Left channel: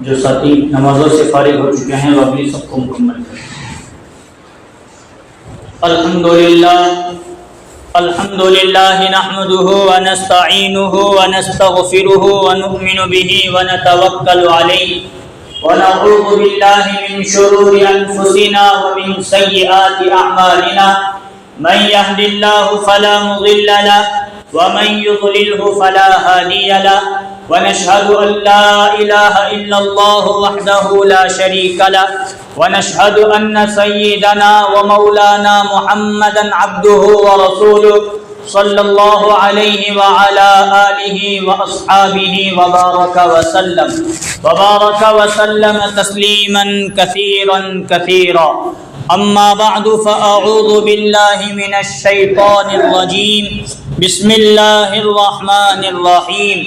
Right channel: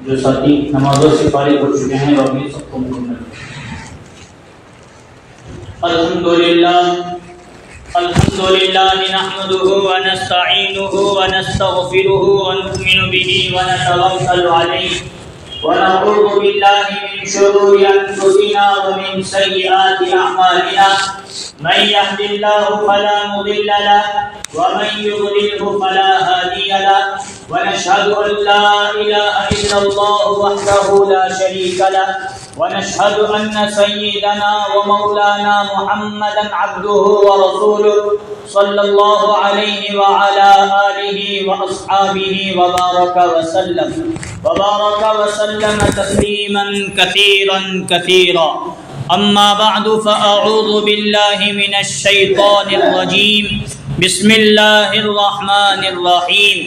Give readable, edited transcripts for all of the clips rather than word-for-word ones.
جو ساتھی نمازوں سے فارغ ہو چکے ہیں وہ اپنی سب کو مکمل کریں۔ الحمدللہ نحمده ونستعینه ونستغفره ونؤمن به ونتوکل علیہ ونعوذ باللہ من شرور انفسنا ومن سیئات اعمالنا من يهد الله فلا مضل له ومن يضلله فلا هادي له ونشهد أن لا إله إلا الله وحده لا شريك له ونشهد أن سيدنا ومولانا محمدا عبده ورسوله صلى الله عليه وعلى آله وأصحابه وبارك وسلم تسليما كثيرا أما بعد فأعوذ بالله من الشيطان الرجيم بسم الله الرحمن الرحيم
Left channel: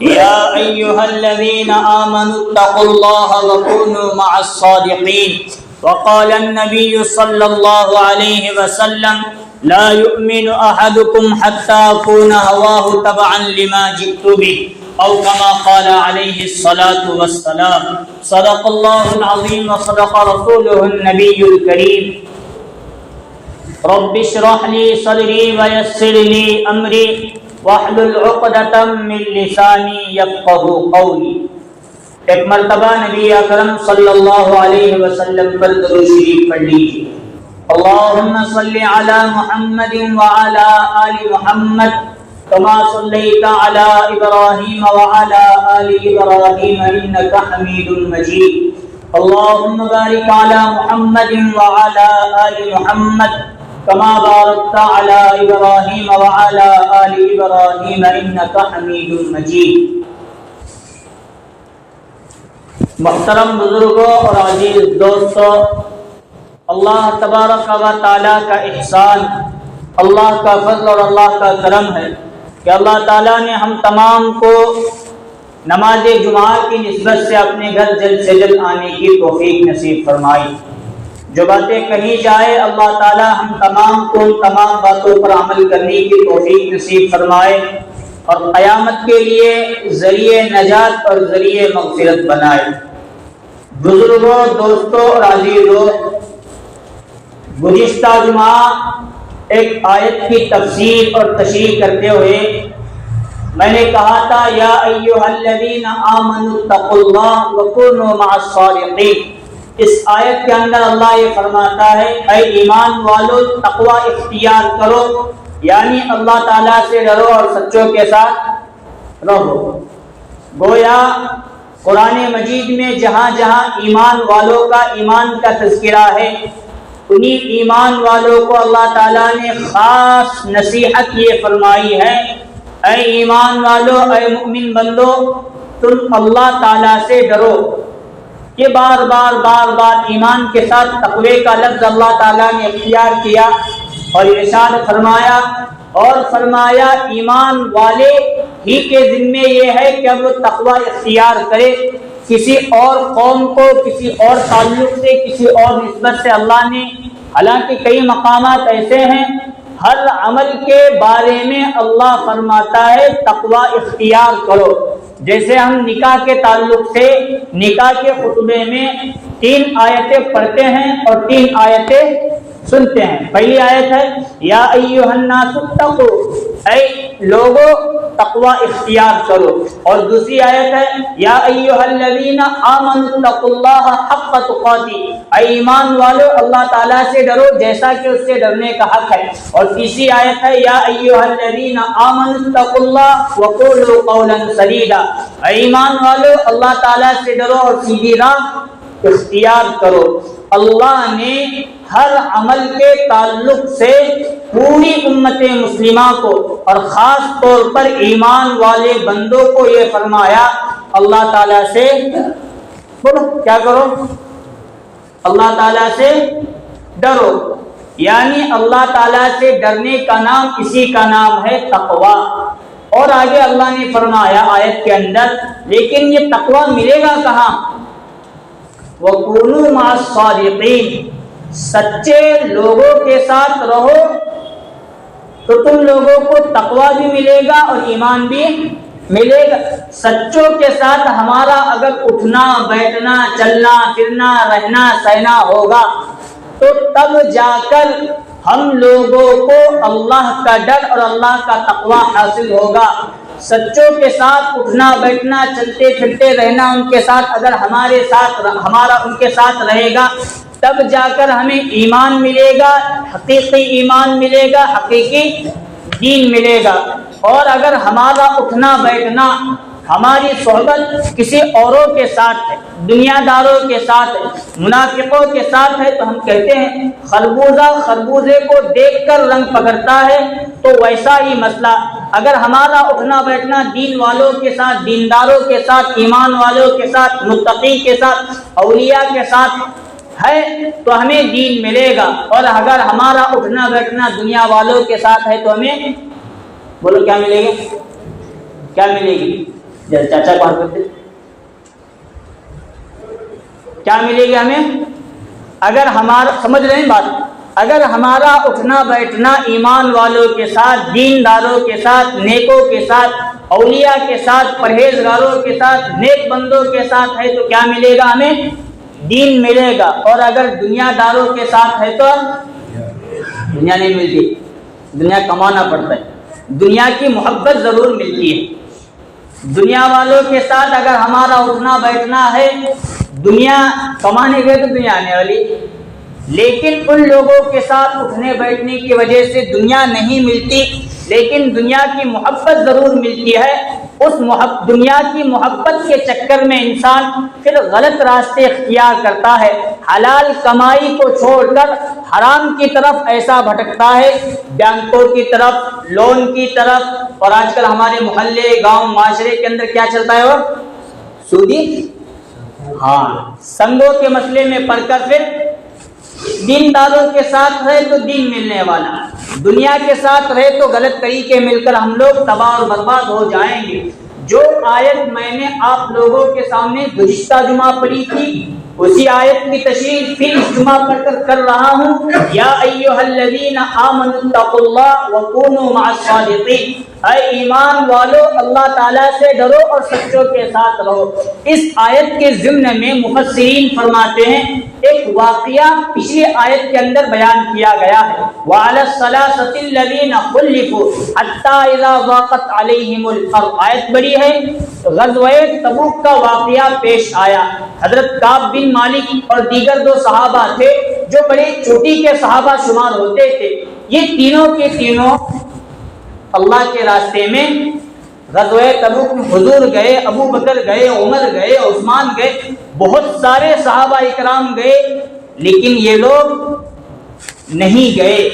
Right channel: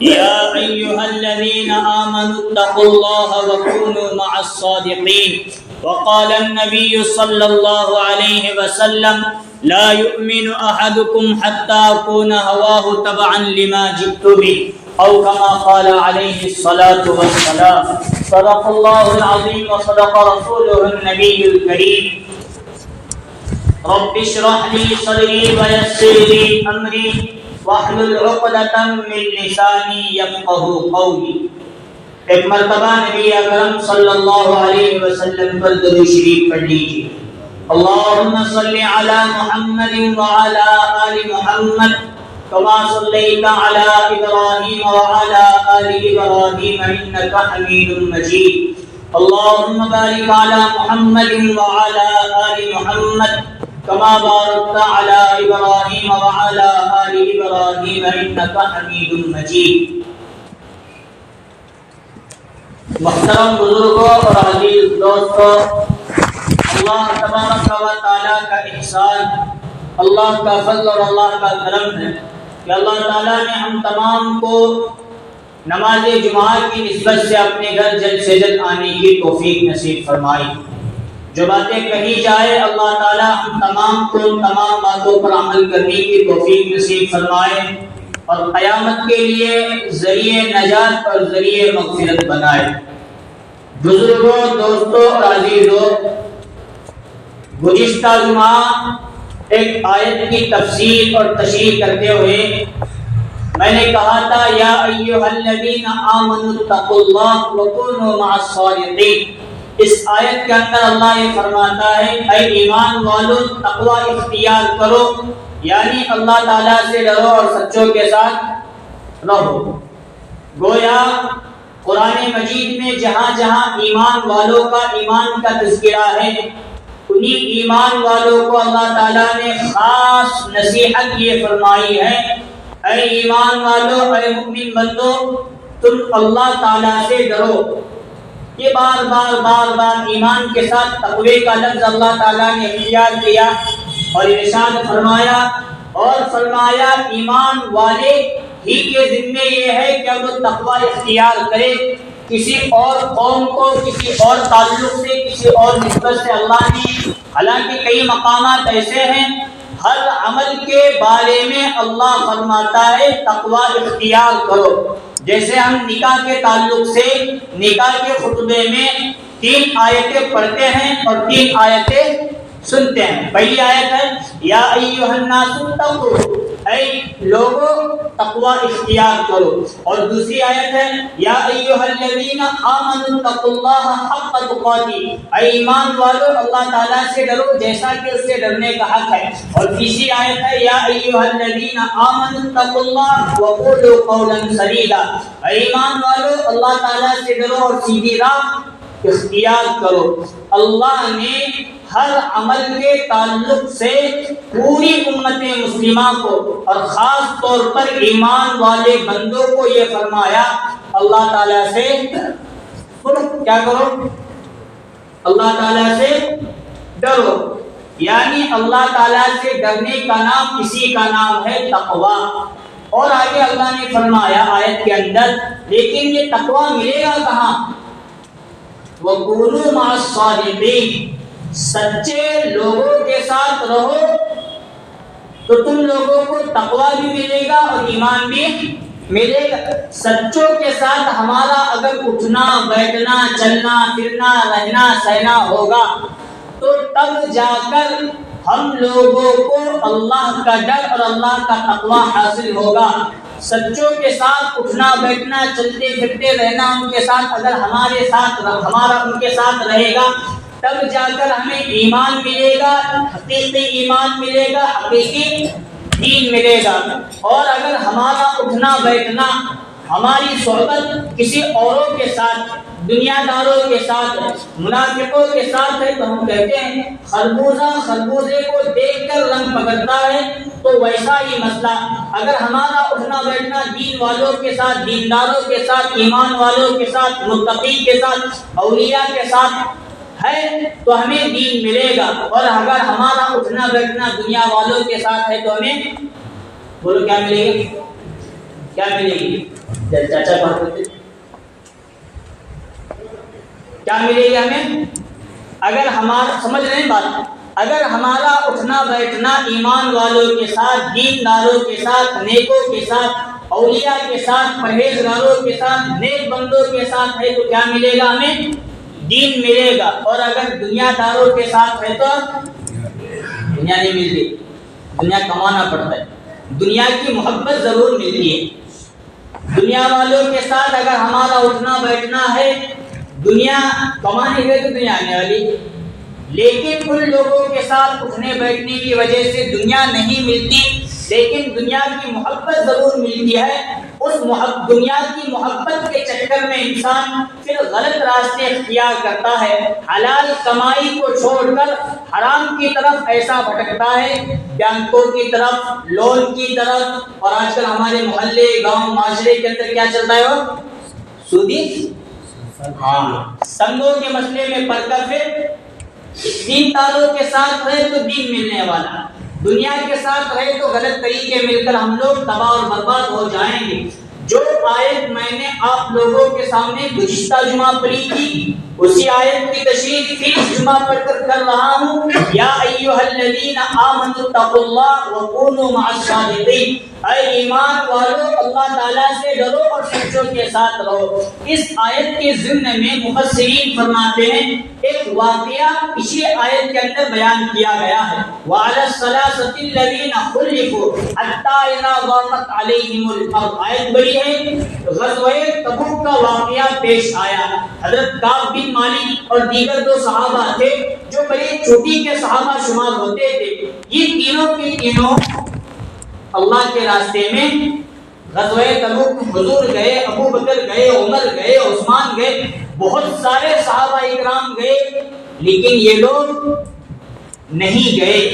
يا أيها الذين آمنوا اتقوا الله وكونوا مع الصادقين وقال النبي صلى الله عليه وسلم لا يؤمن أحدكم حتى يكون هواه تبعا لما جئت به أو كما قال عليه الصلاة والسلام صدق الله العظيم وصدق رسوله النبي الكريم رب اشرح لي صدري ويسر لي أمري واحلل عقدة من لسانی یفقہوا قولی۔ ایک مرتبہ نبی اکرم صلی اللہ علیہ وسلم پر درود شریف پڑھ لیجیے۔ اللہم صلی علی محمد وعلی آل محمد کما صلیت علی ابراہیم وعلی آل ابراہیم انک حمید مجید۔ اللہم بارک علی محمد وعلی آل محمد كما باركت على إبراهيم وعلى آل إبراهيم إنك حميد مجيد۔ محترم بزرگوں اور عزیز دوستوں، اللہ تبارک و تعالیٰ کا احسان، اللہ کا فضل اور اللہ کا کرم ہے کہ اللہ تعالیٰ نے ہم تمام کو نماز جمعہ کی نسبت سے اپنے گھر جلد سے جلد آنے کی توفیق نصیب فرمائی۔ جو باتیں کہی جائے اللہ تعالیٰ ہم تمام کو تمام باتوں پر عمل کرنے کی توفیق نصیب فرمائے اور قیامت کے لیے ذریعہ نجات اور ذریعہ مغفرت بنائے۔ بزرگوں، دوستوں اور عزیزوں، گزشتہ جمعہ ایک آیت کی تفسیر اور تشریح کرتے ہوئے میں نے کہا تھا یا ایھا الذین آمنوا اتقوا اللہ وکونوا مع الصادقین۔ اس آیت کے اندر اللہ یہ فرماتا ہے اے ایمان والو تقوی اختیار کرو، یعنی اللہ تعالیٰ سے ڈرو اور سچوں کے ساتھ رہو۔ گویا قرآن مجید میں جہاں جہاں ایمان والوں کا ایمان کا تذکرہ ہے، انہی ایمان والوں کو اللہ تعالیٰ نے خاص نصیحت یہ فرمائی ہے اے ایمان والو، اے مؤمن بندو، تم اللہ تعالیٰ سے ڈرو۔ یہ بار بار ایمان کے ساتھ تقوی کا لفظ اللہ تعالیٰ نے اختیار کیا اور ارشاد فرمایا ایمان والے ہی کے ذمے یہ ہے کہ وہ تقوی اختیار کرے۔ کسی اور قوم کو کسی اور تعلق سے کسی اور نسبت سے اللہ نے، حالانکہ کئی مقامات ایسے ہیں ہر عمل کے بارے میں اللہ فرماتا ہے تقوی اختیار کرو۔ جیسے ہم نکاح کے تعلق سے نکاح کے خطبے میں 3 آیتیں پڑھتے ہیں اور 3 آیتیں سنتے ہیں۔ پہلی آیت ہے یا ایھا الناس اتقوا، اے لوگو تقوی اختیار کرو، اور دوسری آیت ہے یا ایھا الذین آمنوا اتقوا اللہ حق تقاته، اے ایمان والو اللہ تعالیٰ سے ڈرو جیسا کہ اس سے ڈرنے کا حق ہے، اور تیسری آیت ہے یا ایھا الذین آمنوا اتقوا اللہ وقولوا قولا سدیدا، اے ایمان والو اللہ تعالیٰ سے ڈرو اور سیدھی راہ اختیار کرو۔ اللہ نے ہر عمل کے تعلق سے پوری امت مسلمہ کو اور خاص طور پر ایمان والے بندوں کو یہ فرمایا اللہ تعالیٰ سے کیا کرو؟ اللہ تعالیٰ سے ڈرو، یعنی اللہ تعالیٰ سے ڈرنے کا نام اسی کا نام ہے تقوی۔ اور آگے اللہ نے فرمایا آیت کے اندر لیکن یہ تقوی ملے گا کہاں؟ وَكُونُوا مَعَ الصَّادِقِينَ، سچے لوگوں کے ساتھ رہو تو تم لوگوں کو تقوی بھی ملے گا اور ایمان بھی ملے گا۔ سچوں کے ساتھ ہمارا اگر اٹھنا بیٹھنا چلنا پھرنا رہنا سہنا ہوگا تو تب جا کر ہم لوگوں کو اللہ کا ڈر اور اللہ کا تقوی حاصل ہوگا۔ سچوں کے ساتھ اٹھنا بیٹھنا چلتے پھرتے رہنا ان کے ساتھ اگر ہمارا ان کے ساتھ رہے گا تب جا کر ہمیں ایمان ملے گا، حقیقی ایمان ملے گا، حقیقی دین ملے گا۔ اور اگر ہمارا اٹھنا بیٹھنا ہماری صحبت کسی اوروں کے ساتھ ہے، دنیا داروں کے ساتھ ہے، منافقوں کے ساتھ ہے، تو ہم کہتے ہیں خربوزہ خربوزے کو دیکھ کر رنگ پکڑتا ہے، تو ویسا ہی مسئلہ اگر ہمارا اٹھنا بیٹھنا دین والوں کے ساتھ، دینداروں کے ساتھ، ایمان والوں کے ساتھ، متقی کے ساتھ، اولیاء کے ساتھ ہے تو ہمیں دین ملے گا۔ اور اگر ہمارا اٹھنا بیٹھنا دنیا والوں کے ساتھ ہے تو ہمیں بولو کیا ملے گی؟ کیا ملے گی؟ چاچا بات کرتے کیا ملے گی ہمیں؟ اگر ہمارا سمجھ رہے ہیں بات، اگر ہمارا اٹھنا بیٹھنا ایمان والوں کے ساتھ، دینداروں کے ساتھ، نیکوں کے ساتھ، اولیاء کے ساتھ، پرہیزگاروں کے ساتھ، نیک بندوں کے ساتھ ہے تو کیا ملے گا ہمیں؟ دین ملے گا۔ اور اگر دنیا داروں کے ساتھ ہے تو دنیا نہیں ملتی، دنیا کمانا پڑتا ہے، دنیا کی محبت ضرور ملتی ہے۔ دنیا والوں کے ساتھ اگر ہمارا اٹھنا بیٹھنا ہے، دنیا کمانے گئے تو دنیا آنے والی، لیکن ان لوگوں کے ساتھ اٹھنے بیٹھنے کی وجہ سے دنیا نہیں ملتی، لیکن دنیا کی محبت ضرور ملتی ہے۔ اس دنیا کی محبت کے چکر میں انسان پھر غلط راستے اختیار کرتا ہے، حلال کمائی کو چھوڑ کر حرام کی طرف ایسا بھٹکتا ہے، بینکوں کی طرف، لون کی طرف، اور آج کل ہمارے محلے گاؤں معاشرے کے اندر کیا چلتا ہے؟ وہ سودی سنگوں کے مسئلے میں پڑھ کر پھر دینداروں کے ساتھ رہے تو دین ملنے والا، دنیا کے ساتھ رہے تو غلط طریقے مل کر ہم لوگ تباہ اور برباد ہو جائیں گے۔ جو آیت میں نے آپ لوگوں کے سامنے گزشتہ جمعہ پڑھی تھی، اسی آیت کی تشریح پھر اس جمعہ پڑھ کر رہا ہوں۔ یا ایھا الذین آمنوا اتقوا اللہ وکونوا مع الصادقین، اے ایمان والو اللہ تعالیٰ سے ڈرو اور سچوں کے ساتھ رہو۔ اس آیت کے ضمن میں مفسرین فرماتے ہیں ایک واقعہ پچھلی آیت کے اندر بیان کیا گیا ہے، وعلی الثلاثۃ الذین خلفوا حتی اذا ضاقت علیہم الارض، آیت بڑی ہے۔ غزوہ تبوک کا واقعہ پیش آیا، حضرت کعب بن مالک اور دیگر دو صحابہ تھے جو بڑے چوٹی کے صحابہ شمار ہوتے تھے، یہ تینوں کے تینوں اللہ کے راستے میں غزوہ تبوک میں حضور گئے، ابو بکر گئے، عمر گئے، عثمان گئے، بہت سارے صحابہ اکرام گئے، لیکن یہ لوگ نہیں گئے۔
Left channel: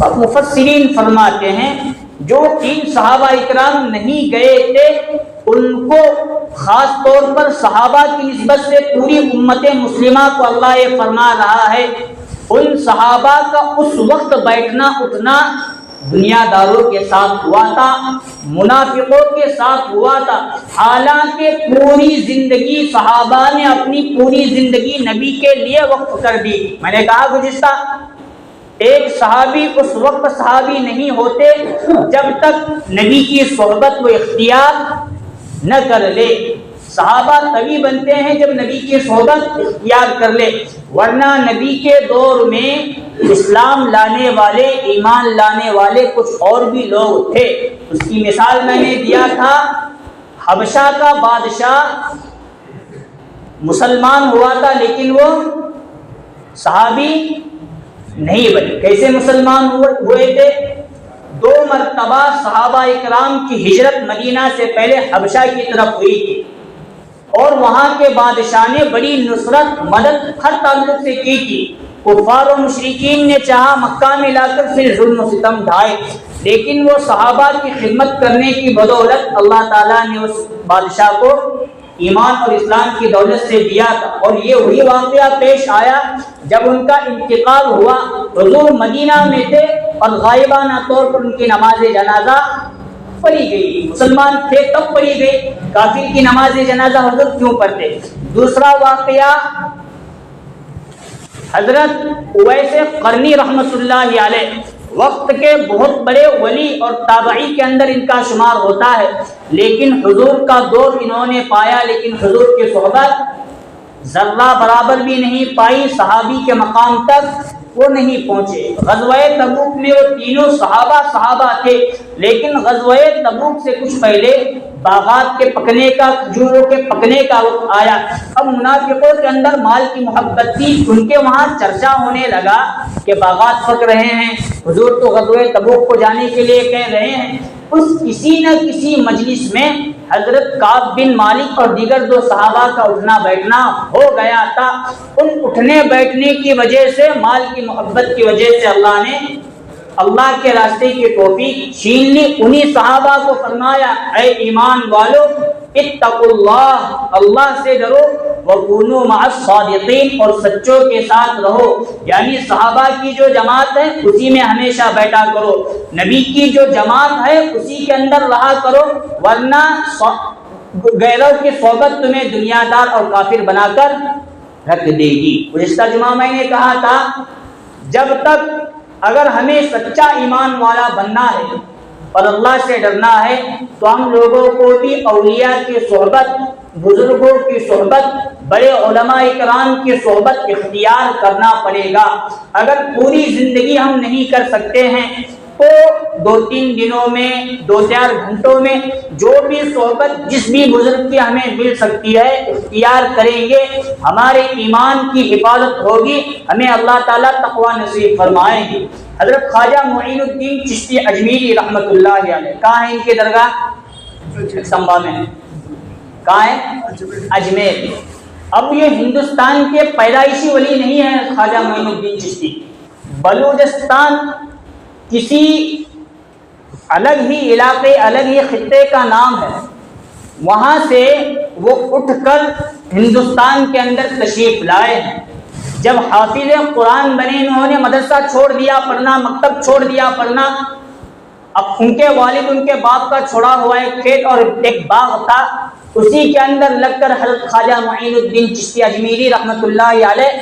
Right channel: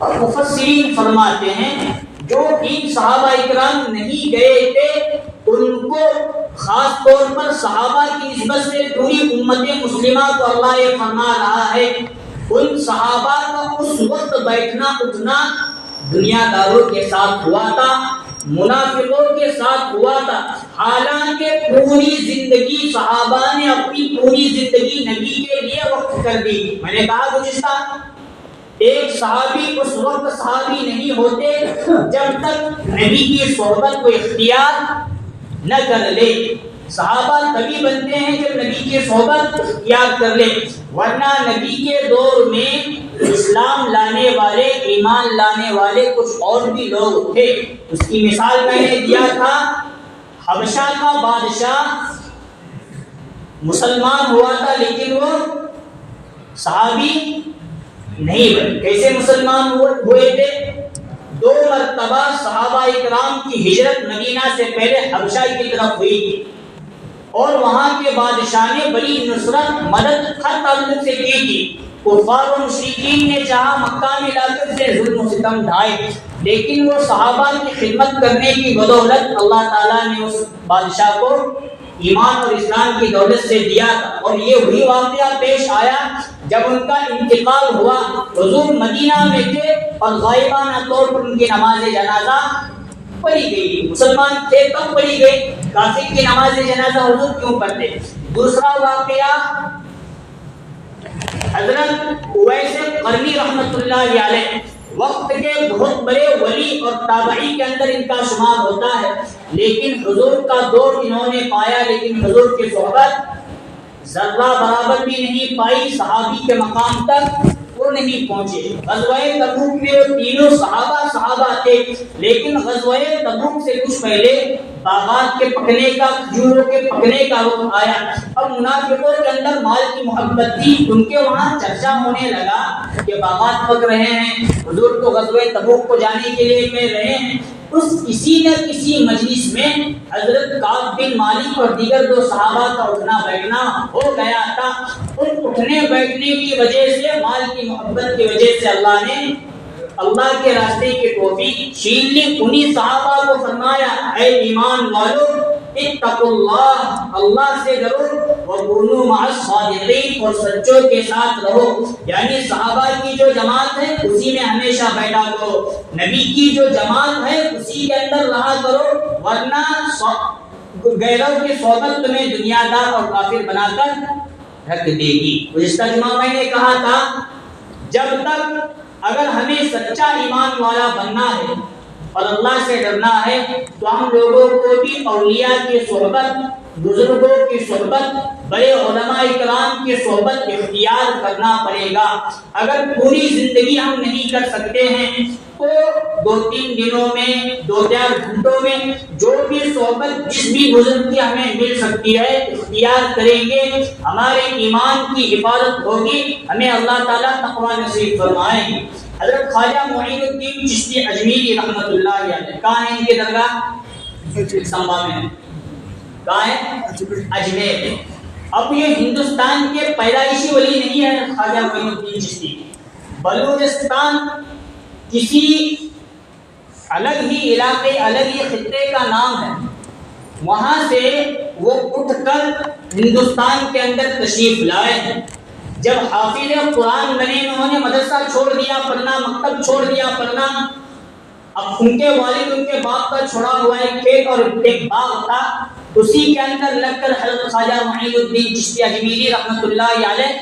اور مفسرین فرماتے ہیں جو تین صحابہ اکرام نہیں گئے تھے ان کو خاص طور پر صحابہ کی نسبت سے پوری امت مسلمہ کو اللہ یہ فرما رہا ہے، ان صحابہ کا اس وقت بیٹھنا اٹھنا دنیا داروں کے ساتھ ہوا تھا، منافقوں کے ساتھ ہوا تھا، حالانکہ پوری زندگی صحابہ نے اپنی پوری زندگی نبی کے لیے وقف کر دی۔ میں نے کہا گزشتہ ایک صحابی اس وقت صحابی نہیں ہوتے جب تک نبی کی صحبت کو اختیار نہ کر لے، صحابہ تبھی بنتے ہیں جب نبی کی صحبت اختیار کر لے، ورنہ نبی کے دور میں اسلام لانے والے، ایمان لانے والے کچھ اور بھی لوگ تھے۔ اس کی مثال میں نے دیا تھا، حبشہ کا بادشاہ مسلمان ہوا تھا لیکن وہ صحابی نہیں بنے۔ کیسے مسلمان ہوئے تھے؟ 2 مرتبہ صحابہ اکرام کی ہجرت مدینہ سے پہلے حبشہ کی طرف ہوئی تھی، اور وہاں کے بادشاہ نے بڑی نصرت مدد ہر تعلق سے کی تھی۔ کفار و مشرکین نے چاہا مکہ میں لا کر پھر ظلم و ستم ڈھائے، لیکن وہ صحابہ کی خدمت کرنے کی بدولت اللہ تعالیٰ نے اس بادشاہ کو ایمان اور اسلام کی دولت سے دیا تھا۔ اور یہ وہی واقعہ پیش آیا جب ان کا انتقال ہوا، حضور مدینہ میں تھے اور غائبانہ طور پر ان کی نماز جنازہ پڑھی گئی، مسلمان تھے تب پڑھی گئی، کافر کی نماز جنازہ حضور کیوں پڑھتے؟ دوسرا واقعہ حضرت اویس قرنی رحمۃ اللہ علیہ، وقت کے بہت بڑے ولی اور تابعی کے اندر ان کا شمار ہوتا ہے، لیکن حضور کا دور انہوں نے پایا، لیکن حضور کی صحبت ذرہ برابر بھی نہیں پائی، صحابی کے مقام تک وہ نہیں پہنچے۔ غزوہ تبوک میں وہ تینوں صحابہ تھے، لیکن غزوہ تبوک سے کچھ پہلے باغات کے پکنے کا، کھجوروں کے پکنے کا وقت آیا۔ اب منافقوں کے اندر مال کی محبت تھی، ان کے وہاں چرچا ہونے لگا کہ باغات پک رہے ہیں، حضور تو غزوہ تبوک کو جانے کے لیے کہہ رہے ہیں۔ کسی نہ کسی مجلس میں حضرت کعب بن مالک اور دیگر دو صحابہ کا اٹھنا بیٹھنا ہو گیا تھا۔ ان اٹھنے بیٹھنے کی وجہ سے، مال کی محبت کی وجہ سے اللہ نے اللہ کے راستے کی توفیق چھین لی۔ انہی صحابہ کو فرمایا، اے ایمان والو اتقوا اللہ، اللہ سے ڈرو، وکونوا مع الصادقین، اور سچوں کے ساتھ رہو۔ یعنی صحابہ کی جو جماعت ہے اسی میں ہمیشہ بیٹھا کرو، نبی کی جو جماعت ہے اسی کے اندر رہا کرو، ورنہ غیروں کی صحبت تمہیں دنیا دار اور کافر بنا کر رکھ دے گی۔ گزشتہ جمعہ میں نے کہا تھا، جب تک اگر ہمیں سچا ایمان والا بننا ہے اور اللہ سے ڈرنا ہے تو ہم لوگوں کو بھی اولیاء کی صحبت، بزرگوں کی صحبت، بڑے علماء اکرام کی صحبت اختیار کرنا پڑے گا۔ اگر پوری زندگی ہم نہیں کر سکتے ہیں تو 2-3 دنوں میں، 2-4 گھنٹوں میں جو بھی صحبت جس بھی بزرگ کی ہمیں مل سکتی ہے اختیار کریں گے، ہمارے ایمان کی حفاظت ہوگی، ہمیں اللہ تعالیٰ تقوی نصیب فرمائیں گے۔ حضرت خواجہ معین الدین چشتی اجمیری رحمۃ اللہ علیہ، کہاں ہے ان کی درگاہ؟ سمبا میں۔ کہاں ہے؟ اجمیر میں۔ اب یہ ہندوستان کے پیدائشی ولی نہیں ہے خواجہ معین الدین چشتی، بلوچستان کسی الگ ہی علاقے، الگ ہی خطے کا نام ہے، وہاں سے وہ اٹھ کر ہندوستان کے اندر تشریف لائے ہیں۔ جب حافظ قرآن بنے، انہوں نے مدرسہ چھوڑ دیا پڑھنا، مکتب چھوڑ دیا پڑھنا۔ اب ان کے والد، ان کے باپ کا چھوڑا ہوا ایک کھیت اور ایک باغ تھا، اسی کے اندر لگ کر حضرت خواجہ معین الدین چشتی اجمیری رحمۃ اللہ علیہ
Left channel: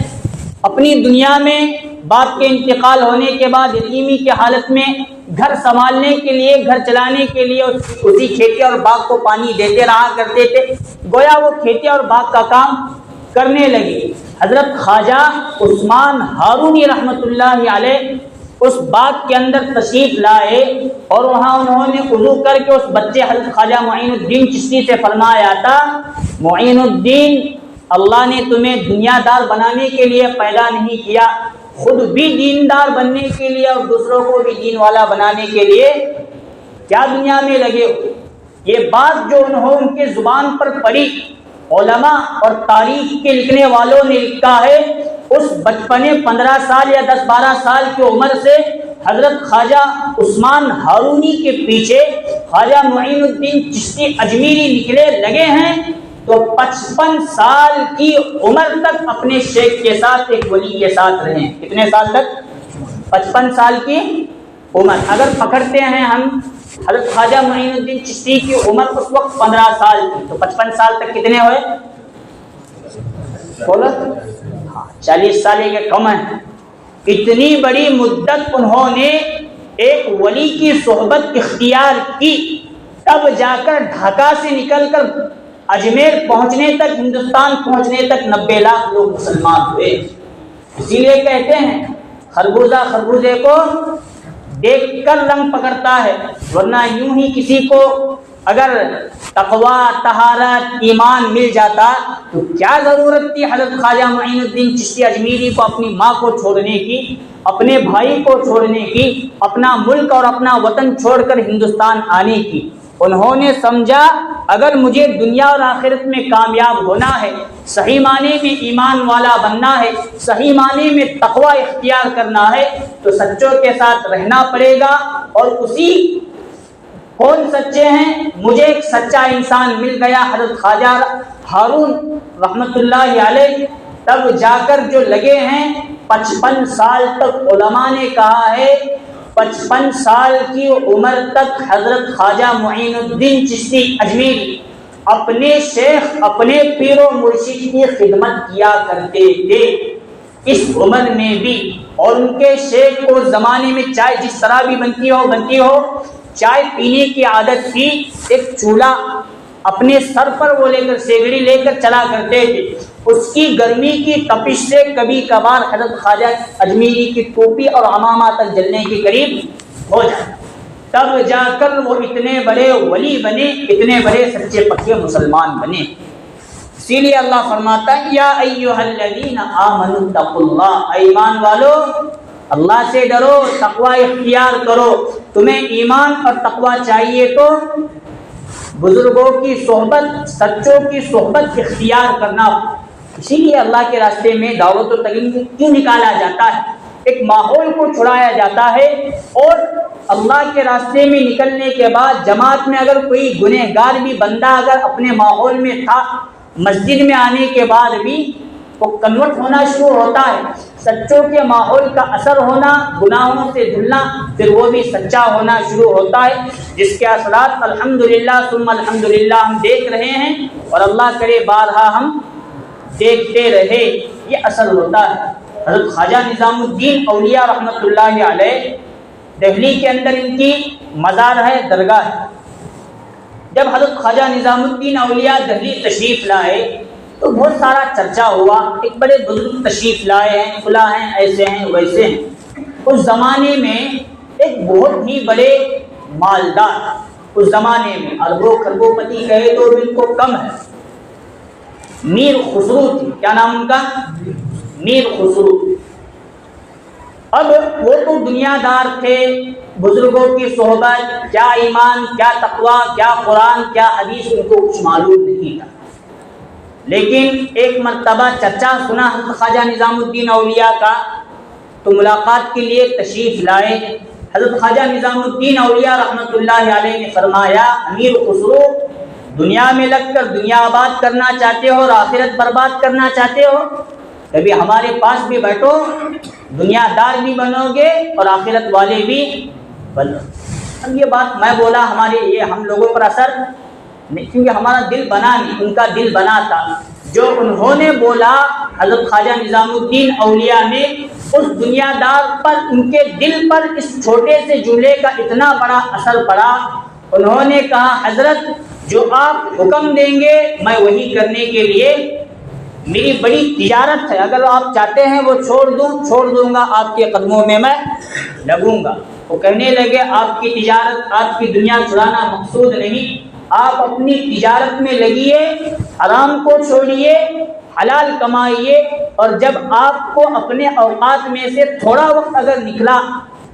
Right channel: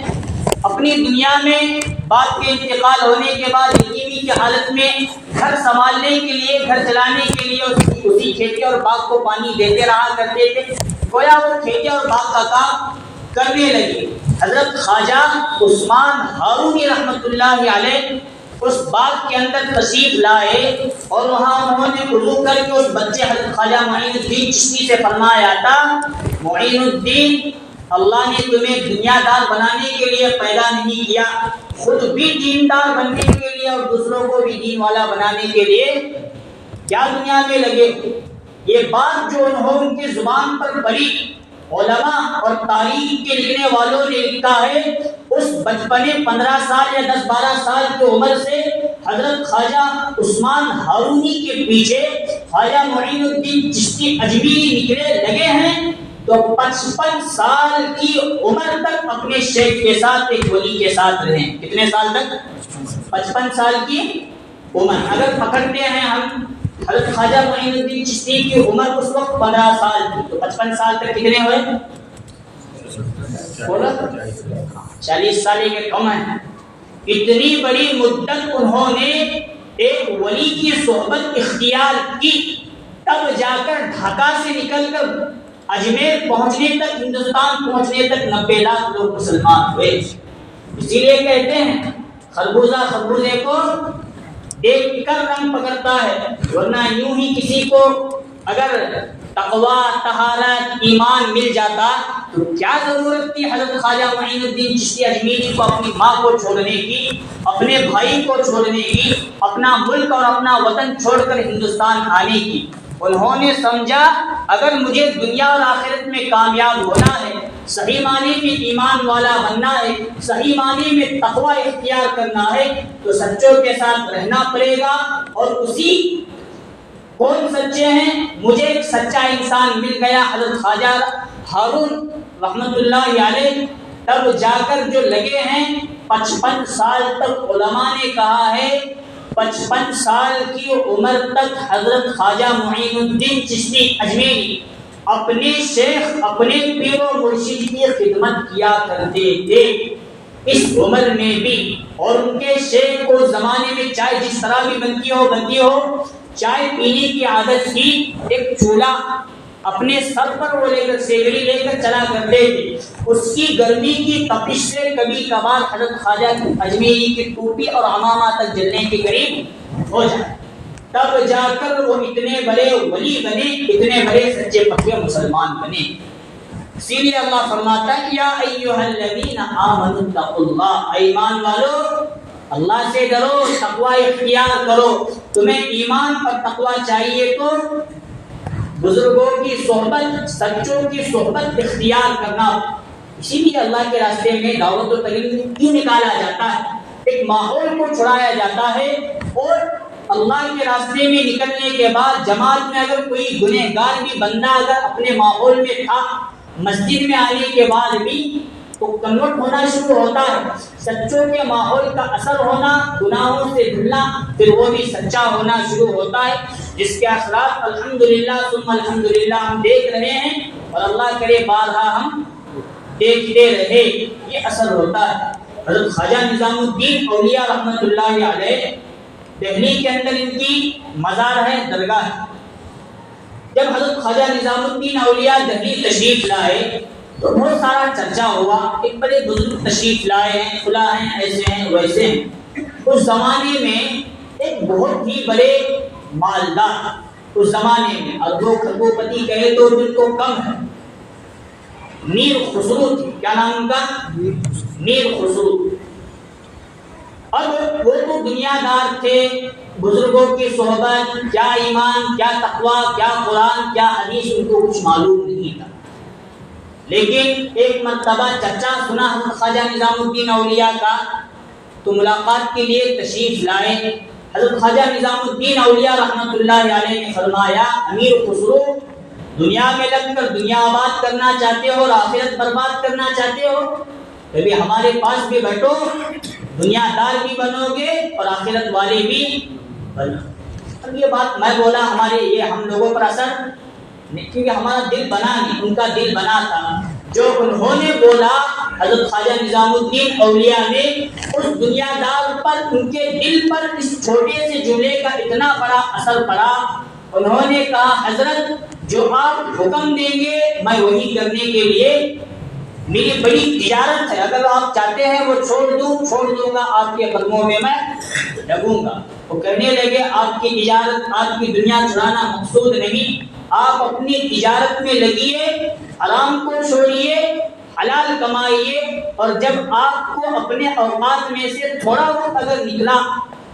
اپنی دنیا میں باپ کے انتقال ہونے کے بعد یتیمی کی حالت میں گھر سنبھالنے کے لیے، گھر چلانے کے لیے اسی کھیتی اور باغ کو پانی دیتے رہا کرتے تھے۔ گویا وہ کھیتی اور باغ کا کام کرنے لگے۔ حضرت خواجہ عثمان ہارونی رحمۃ اللہ علیہ اس باغ کے اندر تشریف لائے اور وہاں انہوں نے وضو کر کے اس بچے حضرت خواجہ معین الدین چشتی سے فرمایا تھا، معین الدین، اللہ نے تمہیں دنیا دار بنانے کے لیے پیدا نہیں کیا، خود بھی دیندار بننے کے لیے اور دوسروں کو بھی دین والا بنانے کے لیے کیا دنیا میں لگے ہو۔ یہ بات جو انہوں ان کے زبان پر پڑی، علماء اور تاریخ کے لکھنے والوں نے لکھا ہے، اس بچپنے 15 سال یا 10-12 سال کی عمر سے حضرت خواجہ عثمان ہارونی کے پیچھے خواجہ معین الدین چشتی اجمیری نکلے لگے ہیں، تو 55 سال کی عمر تک اپنے شیخ کے ساتھ، ایک ولی کے ساتھ رہے۔ کتنے سال تک؟ 55 سال کی عمر۔ اگر پکڑتے ہیں ہم حضرت خواجہ معین الدین چشتی کی عمر اس وقت 15 سال تھی، تو 55 سال تک کتنے ہوئے؟ 40 سال کے کم ہیں۔ اتنی بڑی مدت انہوں نے ایک ولی کی صحبت اختیار کی، تب جا کر ڈھاکہ سے نکل کر اجمیر پہنچنے تک، ہندوستان پہنچنے تک 90 لاکھ لوگ مسلمان ہوئے۔ اسی لیے کہتے ہیں خربوزہ خربوزے کو دیکھ کر رنگ پکڑتا ہے، ورنہ یوں ہی کسی کو اگر تقوی، طہارت، ایمان مل جاتا تو کیا ضرورت تھی حضرت خواجہ معین الدین چشتی اجمیری کو اپنی ماں کو چھوڑنے کی، اپنے بھائی کو چھوڑنے کی، اپنا ملک اور اپنا وطن چھوڑ کر ہندوستان آنے کی۔ انہوں نے سمجھا اگر مجھے دنیا اور آخرت میں کامیاب ہونا ہے، صحیح معنی میں ایمان والا بننا ہے، صحیح معنی میں تقوی اختیار کرنا ہے، تو سچوں کے ساتھ رہنا پڑے گا۔ اور اسی کون سچے ہیں؟ مجھے ایک سچا انسان مل گیا، حضرت خواجہ ہارون رحمت اللہ علیہ۔ تب جا کر جو لگے ہیں 55 سال تک، علماء نے کہا ہے 55 سال کی عمر تک حضرت خواجہ معین الدین چشتی اجمیری اپنے شیخ، اپنے پیر و مرشد کی خدمت کیا کرتے تھے۔ اس عمر میں بھی، اور ان کے شیخ کو زمانے میں چائے جس طرح بھی بنتی ہو چائے پینے کی عادت تھی، ایک چولہا اپنے سر پر وہ لے کر سیگڑی لے کر چلا کرتے تھے، اس کی گرمی کی تپش سے کبھی کبھار حضرت خواجہ اجمیری کی ٹوپی اور عمامہ تک جلنے کے قریب ہو جائے، تب جا کر وہ اتنے بڑے ولی بنے، اتنے بڑے سچے پکے مسلمان بنے۔ اسی لیے اللہ فرماتا ہے یا ایھا الذین آمنوا اتقوا اللہ، اے ایمان والو اللہ سے ڈرو، تقوی اختیار کرو۔ تمہیں ایمان اور تقوی چاہیے تو بزرگوں کی صحبت، سچوں کی صحبت اختیار کرنا۔ اسی لیے اللہ کے راستے میں دعوت و تبلیغ کیوں نکالا جاتا ہے؟ ایک ماحول کو چھڑایا جاتا ہے، اور اللہ کے راستے میں نکلنے کے بعد جماعت میں اگر کوئی گنہگار بھی بندہ اگر اپنے ماحول میں تھا، مسجد میں آنے کے بعد بھی وہ کنورٹ ہونا شروع ہوتا ہے، سچوں کے ماحول کا اثر ہونا، گناہوں سے دھلنا، پھر وہ بھی سچا ہونا شروع ہوتا ہے، جس کے اثرات الحمدللہ ثم الحمدللہ ہم دیکھ رہے ہیں، اور اللہ کرے بارہا ہم دیکھتے رہے۔ یہ اثر ہوتا ہے۔ حضرت خواجہ نظام الدین اولیاء رحمۃ اللہ علیہ، دہلی کے اندر ان کی مزار ہے، درگاہ ہے۔ جب حضرت خواجہ نظام الدین اولیاء دہلی تشریف لائے تو بہت سارا چرچا ہوا، ایک بڑے بزرگ تشریف لائے ہیں، کھلا ہیں، ایسے ہیں ویسے ہیں۔ اس زمانے میں ایک بہت ہی بڑے مالدار، اس زمانے میں اربوں خربوں پتی کہے تو دل کو کم ہے، میر خسرو تھی۔ کیا نام ان کا؟ میر خسرو۔ اب وہ تو دنیا دار تھے، بزرگوں کی صحبت، کیا ایمان، کیا تقوی، کیا قرآن، کیا حدیث ان کو کچھ معلوم نہیں تھا۔ لیکن ایک مرتبہ چرچا سنا حضرت خواجہ نظام الدین اولیاء کا، تو ملاقات کے لیے تشریف لائے۔ حضرت خواجہ نظام الدین اولیاء رحمۃ اللہ علیہ نے فرمایا امیر خسرو، دنیا میں لگ کر دنیا آباد کرنا چاہتے ہو اور آخرت برباد کرنا چاہتے ہو؟ کبھی ہمارے پاس بھی بیٹھو، دنیا دار بھی بنو گے اور آخرت والے بھی بنو۔ اب یہ بات میں بولا، ہمارے یہ ہم لوگوں پر اثر نہیں، کیونکہ ہمارا دل بنا نہیں، ان کا دل بنا تھا۔ جو انہوں نے بولا حضرت خواجہ نظام الدین اولیاء نے، اس دنیا دار پر، ان کے دل پر اس چھوٹے سے جملے کا اتنا بڑا اثر پڑا۔ انہوں نے کہا حضرت جو آپ حکم دیں گے میں وہی کرنے کے لیے، میری بڑی تجارت ہے، اگر آپ چاہتے ہیں وہ چھوڑ دوں گا، آپ کے قدموں میں میں لگوں گا۔ وہ کہنے لگے آپ کی تجارت، آپ کی دنیا چرانا مقصود نہیں، آپ اپنی تجارت میں لگیے، حرام کو چھوڑیے، حلال کمائیے، اور جب آپ کو اپنے اوقات میں سے تھوڑا وقت اگر نکلا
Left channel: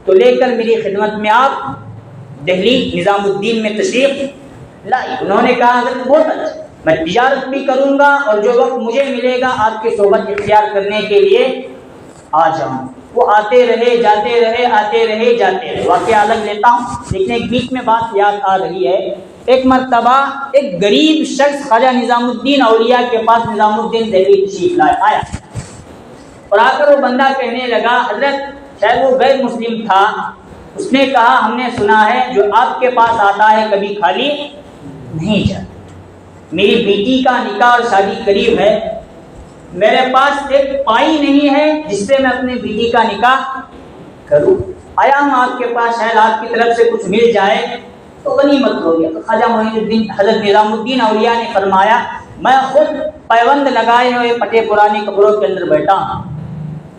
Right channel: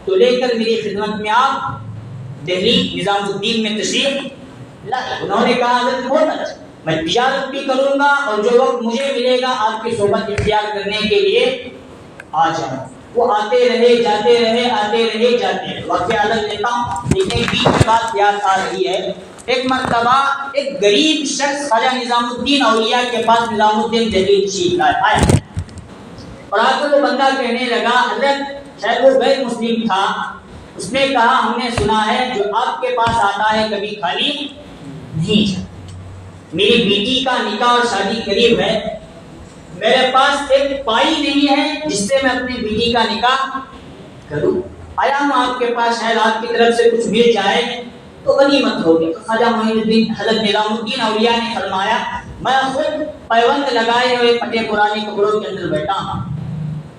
تو لے کر میری خدمت میں آپ دہلی نظام الدین میں تشریف لائے۔ انہوں نے کہا حضرت بہت اچھا، میں تجارت بھی کروں گا اور جو وقت مجھے ملے گا آپ کی صحبت اختیار کرنے کے لیے آ جاؤں۔ وہ آتے رہے، جاتے رہے، آتے رہے، جاتے رہے۔ واقعہ الگ لیتا ہوں، لیکن بیچ میں بات یاد آ رہی ہے۔ ایک مرتبہ ایک غریب شخص خواجہ نظام الدین اولیاء کے پاس نظام الدین دہلی تشریف آیا، اور آ کر وہ بندہ کہنے لگا حضرت، شاید وہ غیر مسلم تھا، اس نے کہا ہم نے سنا ہے جو آپ کے پاس آتا ہے کبھی خالی نہیں جاتا۔ میری بیٹی کا نکاح اور شادی قریب ہے، میرے پاس ایک پائی نہیں ہے جس سے میں اپنی بیٹی کا نکاح کروں، آیا ہوں آپ کے پاس، شاید آپ کی طرف سے کچھ مل جائے تو غنیمت ہوگی۔ خواجہ معین الدین حضرت نظام الدین اولیاء نے فرمایا میں خود پیوند لگائے ہوئے پٹے پرانے کپڑوں کے اندر بیٹھا ہوں،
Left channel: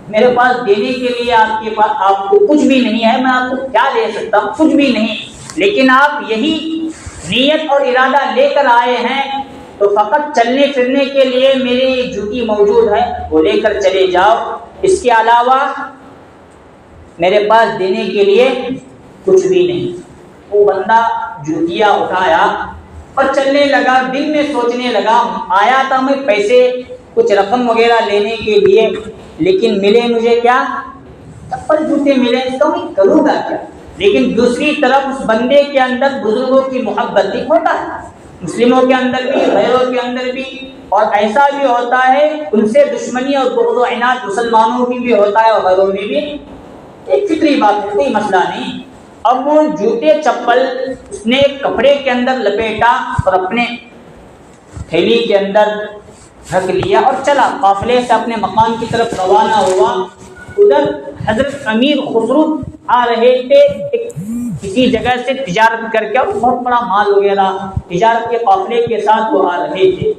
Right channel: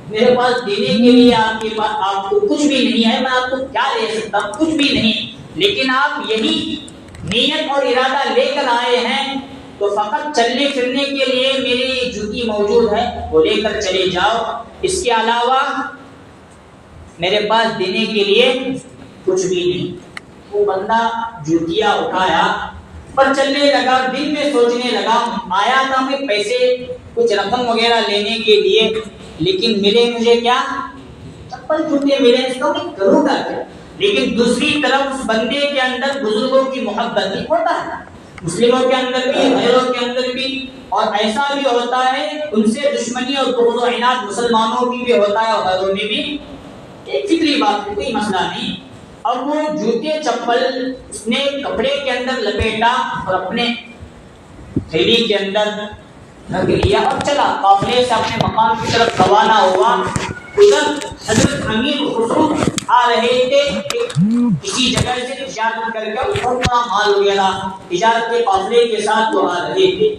میرے پاس دینے کے لیے آپ کے پاس آپ کو کچھ بھی نہیں ہے، میں آپ کو کیا دے سکتا ہوں؟ کچھ بھی نہیں، لیکن آپ یہی نیت اور ارادہ لے کر آئے ہیں تو فقط چلنے پھرنے کے لیے میری جوتی موجود ہے، وہ لے کر چلے جاؤ، اس کے علاوہ میرے پاس دینے کے لیے کچھ بھی نہیں۔ وہ بندہ جوتیاں اٹھایا اور چلنے لگا، دل میں سوچنے لگا آیا تھا میں پیسے کچھ رقم وغیرہ لینے کے لیے، لیکن ملے مجھے کیا؟ چپل جوتے ملے، اس کا میں کروں گا کیا؟ لیکن دوسری طرف اس بندے کے اندر بزرگوں کی محبت بھی ہوتا ہے، مسلموں کے اندر بھی، غیروں کے اندر بھی، اور ایسا بھی ہوتا ہے ان سے دشمنی اور بغض و عناد مسلمانوں کی بھی ہوتا ہے اور غیروں میں بھی، ایک فطری بات ہے، کوئی مسئلہ نہیں۔ اب وہ جوتے چپل اس نے کپڑے کے اندر لپیٹا اور اپنے تھیلی کے اندر ڈھک لیا اور چلا، قافلے سے اپنے مقام کی طرف روانہ ہوا۔ ادھر حضرت امیر خسرو آ رہے تھے، کسی جگہ سے تجارت کر کے، اور بہت بڑا مال وغیرہ تجارت کے قافلے کے ساتھ وہ آ رہے تھے۔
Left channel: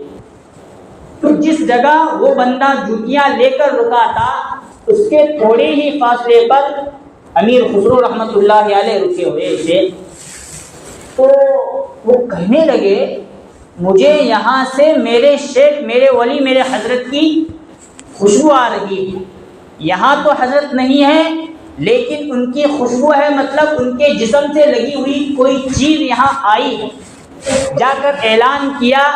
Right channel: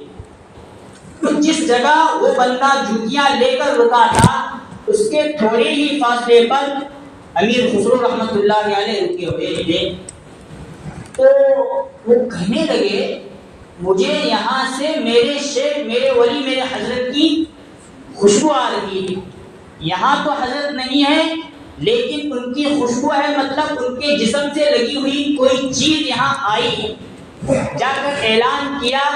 تو جس جگہ وہ بندہ جوتیاں لے کر رکا تھا، اس کے تھوڑے ہی فاصلے پر امیر خسرو رحمۃ اللہ علیہ رکے ہوئے تھے۔ تو وہ کہنے لگے مجھے یہاں سے میرے شیخ، میرے ولی، میرے حضرت کی خوشبو آ رہی ہے۔ یہاں تو حضرت نہیں ہے لیکن ان کی خوشبو ہے، مطلب ان کے جسم سے لگی ہوئی کوئی چیز یہاں آئی۔ جا کر اعلان کیا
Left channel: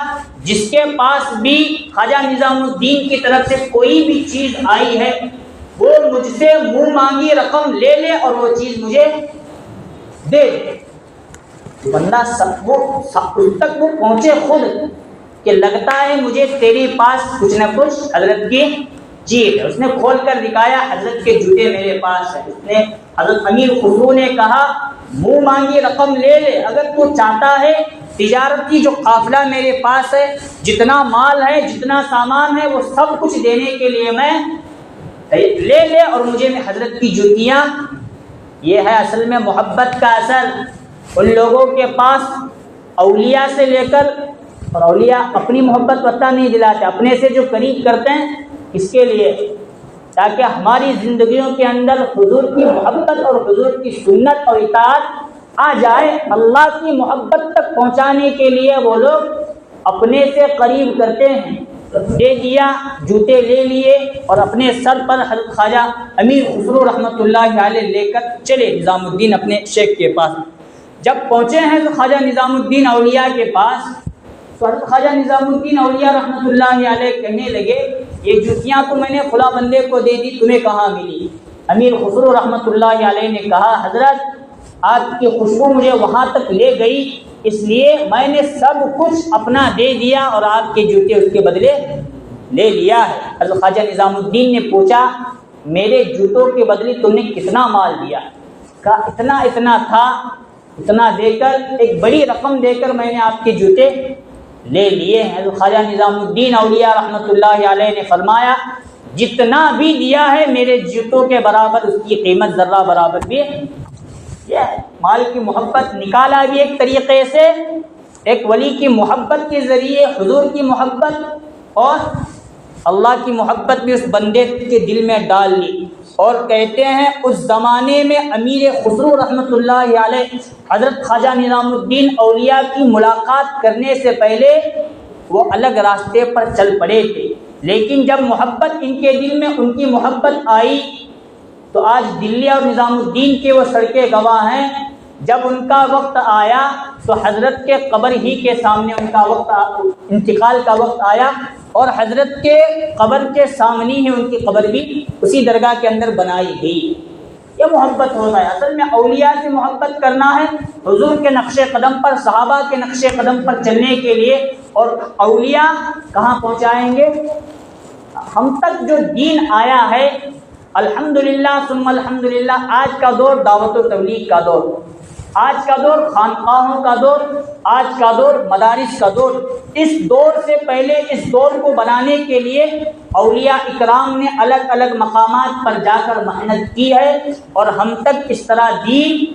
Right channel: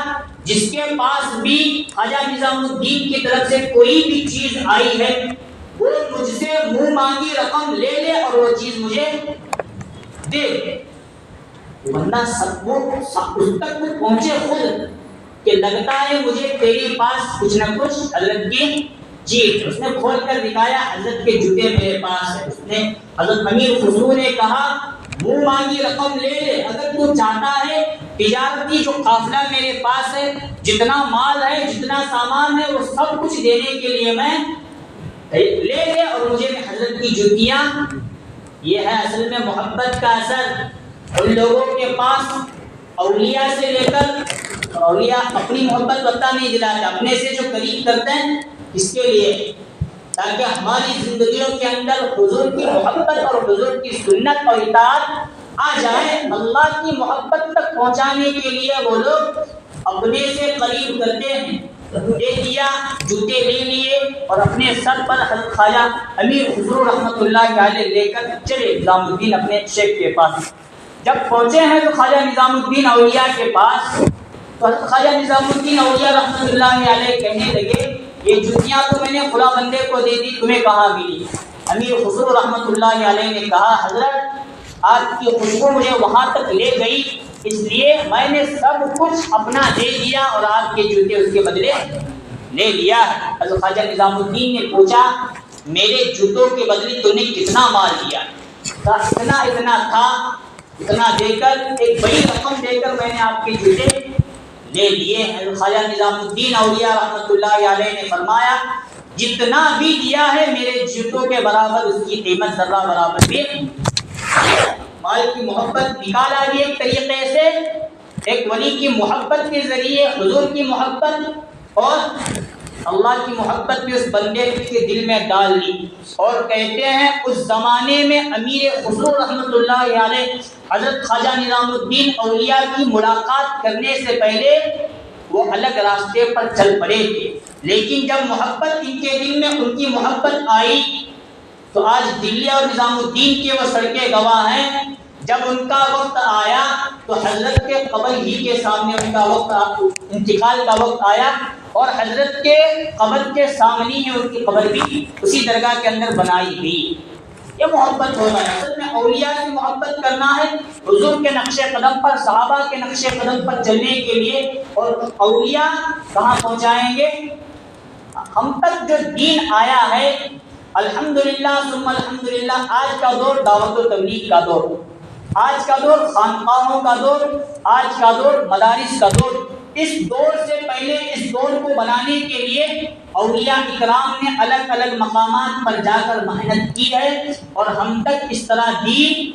جس کے پاس بھی خواجہ نظام الدین کی طرف سے کوئی بھی چیز آئی ہے وہ مجھ سے منہ مانگی رقم لے لے اور وہ چیز مجھے دے دے۔ بندہ اس تک وہ پہنچے خود کہ لگتا ہے مجھے تیرے پاس کچھ نہ کچھ حضرت کی چیز ہے۔ اس نے کھول کر دکھایا، حضرت کے جوتے میرے پاس ہے۔ اس نے حضرت امیر خسرو نے کہا منہ مانگی رقم لے لے، اگر تو چاہتا ہے تجارت کی جو قافلہ میرے پاس ہے، جتنا مال ہے، جتنا سامان ہے، وہ سب کچھ دینے کے لیے میں لے لے، اور مجھے حضرت کی جوتیاں۔ یہ ہے اصل میں محبت کا اثر۔ ان لوگوں کے پاس اولیاء سے لے کر، اور اولیاء اپنی محبت پتہ نہیں دلاتے، اپنے سے جو قریب کرتے ہیں اس کے لیے، تاکہ ہماری زندگیوں کے اندر حضور کی محبت اور حضور کی سنت اور اطاعت آ جائے۔ اللہ کی محبت تک پہنچانے کے لیے وہ لوگ اپنے سے قریب کرتے ہیں۔ دے دیا، جوتے لے لیے اور اپنے سر پر حضرت خواجہ امیر خسرو رحمۃ اللہ علیہ لے کر چلے نظام الدین اپنے شیخ کے پاس۔ جب پہنچے ہیں تو خواجہ نظام الدین اولیاء کے پاس، تو حضرت خواجہ نظام الدین اولیاء رحمۃ اللہ علیہ کہنے لگے یہ جوتیاں تو میں نے فلاں بندے کو دے دی، تمہیں کہاں ملی؟ امیر خسرو رحمۃ اللہ علیہ نے کہا حضرت آپ کی خوشبو مجھے وہاں تک لے گئی، اس لیے میں نے سب کچھ اپنا دے دیا اور آپ کے جوتے اس کے بدلے لے لیا ہے۔ حضرت خواجہ نظام الدین نے پوچھا میرے جوتوں کے بدلے تم نے کتنا مال دیا؟ کہا اتنا تھا، اتنا دے کر، ایک بڑی رقم دے کر میں نے آپ کے جوتے لے لیے ہیں۔ حضرت خواجہ نظام الدین اولیاء رحمۃ اللہ علیہ نے فرمایا جتنا بھی دیا ہے میرے جوتوں کے برابر اس کی قیمت ذرہ برابر بھی۔ مال کی محبت نکالا بھی ایک طریقے سے، ایک ولی کی محبت کے ذریعے حضور کی محبت اور اللہ کی محبت بھی اس بندے کے دل میں ڈال لی۔ اور کہتے ہیں اس زمانے میں امیر خسرو رحمۃ اللہ علیہ حضرت خواجہ نظام الدین اولیاء کی ملاقات کرنے سے پہلے وہ الگ راستے پر چل پڑے تھے، لیکن جب محبت ان کے دل میں ان کی محبت آئی تو آج دلی اور نظام الدین کے وہ سڑکیں گواہ ہیں۔ جب ان کا وقت آیا تو حضرت کے قبر ہی کے سامنے ان کا وقت انتقال کا وقت آیا، اور حضرت کے قبر کے سامنے ہی ان کی قبر بھی اسی درگاہ کے اندر بنائی گئی۔ یہ محبت ہوتا ہے، اصل میں اولیاء سے محبت کرنا ہے، حضور کے نقش قدم پر، صحابہ کے نقش قدم پر چلنے کے لیے۔ اور اولیاء کہاں پہنچائیں گے؟ ہم تک جو دین آیا ہے الحمدللہ ثم الحمدللہ، آج کا دور دعوت و تبلیغ کا دور، آج کا دور خانقاہوں کا دور، آج کا دور مدارس کا دور۔ اس دور سے پہلے اس دور کو بنانے کے لیے اولیاء اکرام نے الگ الگ مقامات پر جا کر محنت کی ہے اور ہم تک اس طرح دین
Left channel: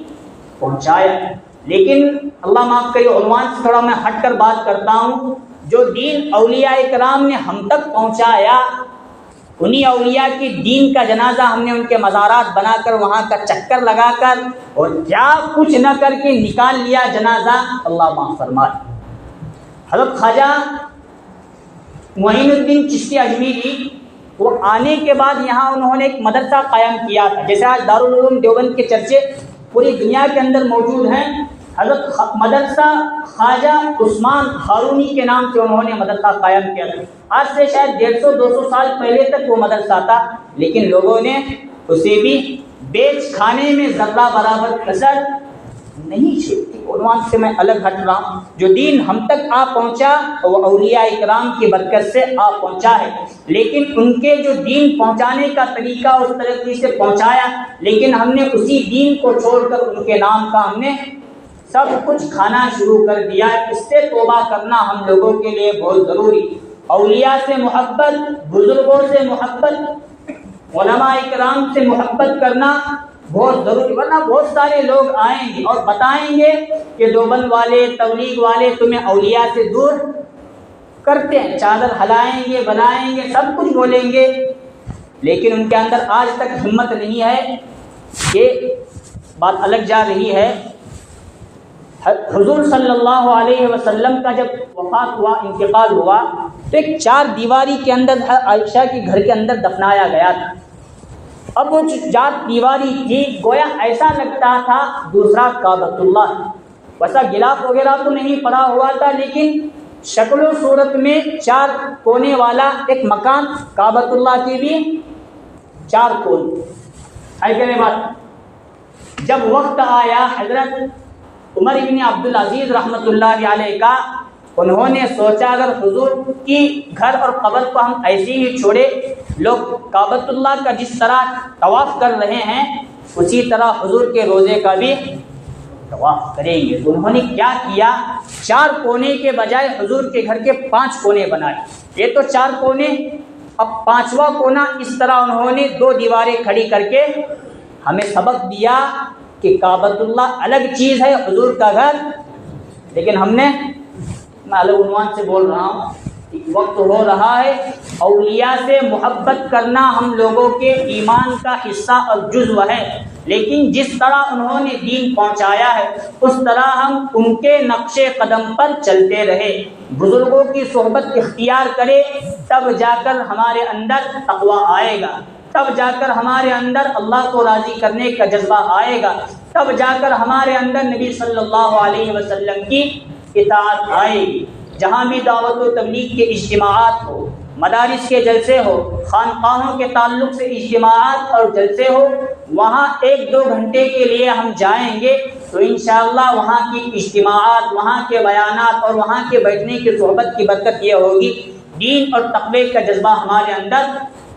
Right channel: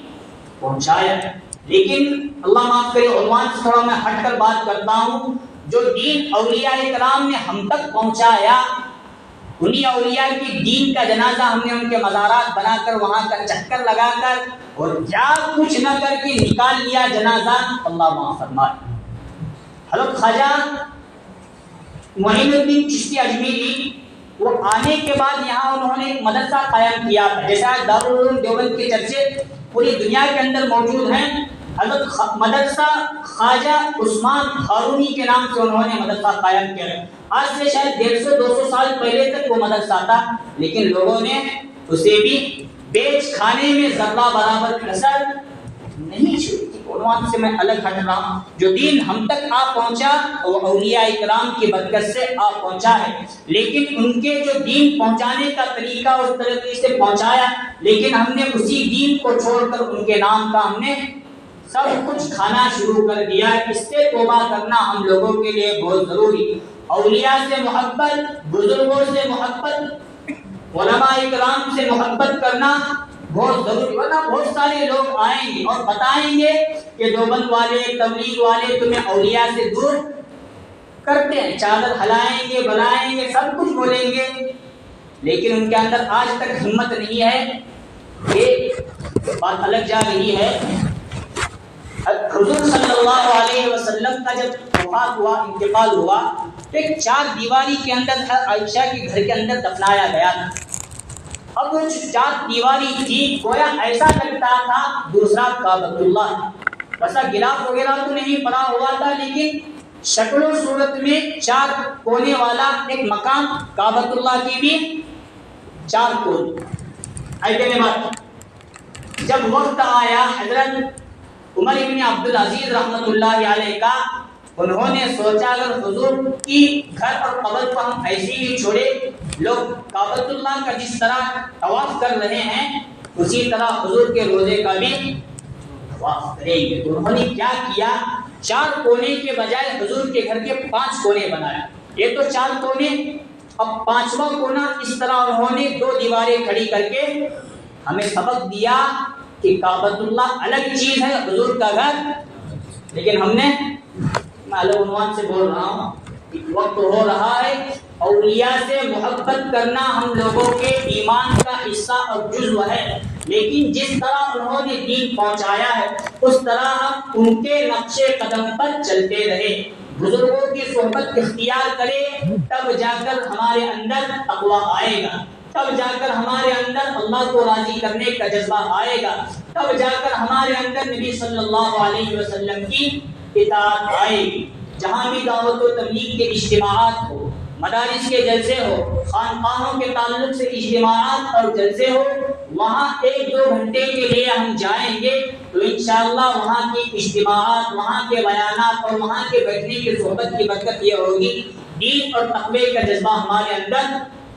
پہنچایا ہے۔ لیکن اللہ معاف کرے، عنوان سے تھوڑا میں ہٹ کر بات کرتا ہوں، جو دین اولیاء اکرام نے ہم تک پہنچایا، انہی اولیاء کی دین کا جنازہ ہم نے ان کے مزارات بنا کر وہاں کا چکر لگا کر اور کیا کچھ نہ کر کے نکال لیا جنازہ، اللہ معاف فرمائے۔ حضرت خواجہ معین الدین چشتی اجمیری وہ آنے کے بعد یہاں انہوں نے ایک مدرسہ قائم کیا تھا، جیسے آج دارالعلوم دیوبند کے چرچے پوری دنیا کے اندر موجود ہیں۔ حضرت مدرسہ خواجہ عثمان ہارونی کے نام سے انہوں نے مدرسہ قائم کیا ہے۔ آج سے شاید 150-200 سال پہلے تک وہ مدرسہ تھا، لیکن لوگوں نے اسے بھی بیچ کھانے میں ذرہ برابر کسر نہیں چھوڑی۔ عنوان سے میں الگ ہٹ رہا ہوں، جو دین ہم تک آ پہنچا وہ اولیاء اکرام کی برکت سے آ پہنچا ہے، لیکن ان کے جو دین پہنچانے کا طریقہ اس طریقے سے پہنچایا، لیکن ہم نے اسی دین کو چھوڑ کر ان کے نام کا ہم نے سب کچھ کھانا شروع کر دیا۔ اس سے توبہ کرنا ہم لوگوں کے لیے بہت ضروری۔ اولیاء سے محبت، بزرگوں سے محبت، علماء کرام سے محبت کرنا بہت ضروری، ورنہ بہت سارے لوگ آئیں گے اور بتائیں گے کہ دیوبند والے، تبلیغ والے تمہیں اولیاء سے دور کرتے ہیں، چادر ہلائیں گے، بلائیں گے، سب کچھ بولیں گے، لیکن ان کے اندر آج تک ہمت نہیں ہے. یہ بات الگ جا رہی ہے. حضور صلی اللہ علیہ وسلم کا جب وفات ہوا، انتقال ہوا، تو ایک 4 دیواری کے اندر عائشہ کے گھر کے اندر دفنایا گیا تھا. اب وہ 4 دیواری تھی، گویا ایسا لگتا تھا دوسرا کعبۃ اللہ، ویسا گلاف وغیرہ تو نہیں پڑا ہوا تھا، لیکن شکل و صورت میں 4 کونے والا ایک مکان، کعبۃ اللہ کی بھی 4 کونے. ایسے بات جب وقت آیا حضرت عمر بن عبدالعزیز رحمۃ اللہ علیہ کا، انہوں نے سوچا اگر حضور کی گھر اور قبر کو ہم ایسے ہی چھوڑے، لوگ کعبۃ اللہ کا جس طرح طواف کر رہے ہیں اسی طرح حضور کے روزے کا بھی طواف کریں گے. تو انہوں نے کیا کیا، 4 کونے کے بجائے حضور کے گھر کے 5 کونے بنائے. یہ تو 4 کونے، اب 5واں کونا اس طرح انہوں نے 2 دیواریں کھڑی کر کے ہمیں سبق دیا کہ کعبۃ اللہ الگ چیز ہے، حضور کا گھر. لیکن ہم نے، میں الگ عنوان سے بول رہا ہوں، وقت ہو رہا ہے اولیاء سے محبت کرنا ہم لوگوں کے ایمان کا حصہ اور جزو ہے، لیکن جس طرح انہوں نے دین پہنچایا ہے اس طرح ہم ان کے نقش قدم پر چلتے رہے، بزرگوں کی صحبت اختیار کرے، تب جا کر ہمارے اندر تقویٰ آئے گا، تب جا کر ہمارے اندر اللہ کو راضی کرنے کا جذبہ آئے گا، تب جا کر ہمارے اندر نبی صلی اللہ علیہ وسلم کی اطاعت آئے گی. جہاں بھی دعوت و تبلیغ کے اجتماعات ہو، مدارس کے جلسے ہو، خانقاہوں کے تعلق سے اجتماعات اور جلسے ہو، وہاں 1-2 گھنٹے کے لیے ہم جائیں گے تو انشاءاللہ وہاں کی اجتماعات، وہاں کے بیانات اور وہاں کے بیٹھنے کی صحبت کی برکت یہ ہوگی دین اور تقوی کا جذبہ ہمارے اندر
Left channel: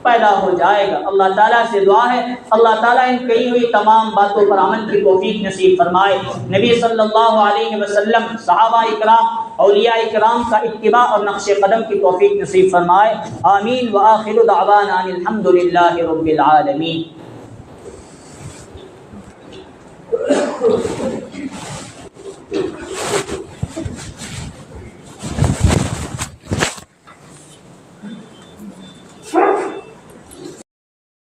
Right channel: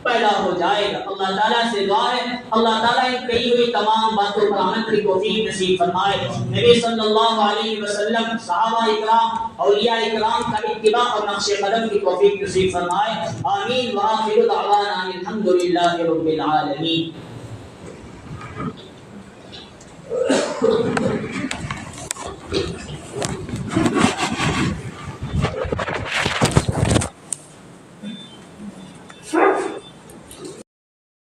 پیدا ہو جائے گا. اللہ تعالیٰ سے دعا ہے اللہ تعالیٰ ان کہی ہوئی تمام باتوں پر عمل کی توفیق نصیب فرمائے. نبی صلی اللہ علیہ وسلم، صحابہ اکرام، اولیاء اکرام کا اتباع اور نقش قدم کی توفیق نصیب فرمائے. آمین. وآخر دعوانا الحمد للہ رب العالمین.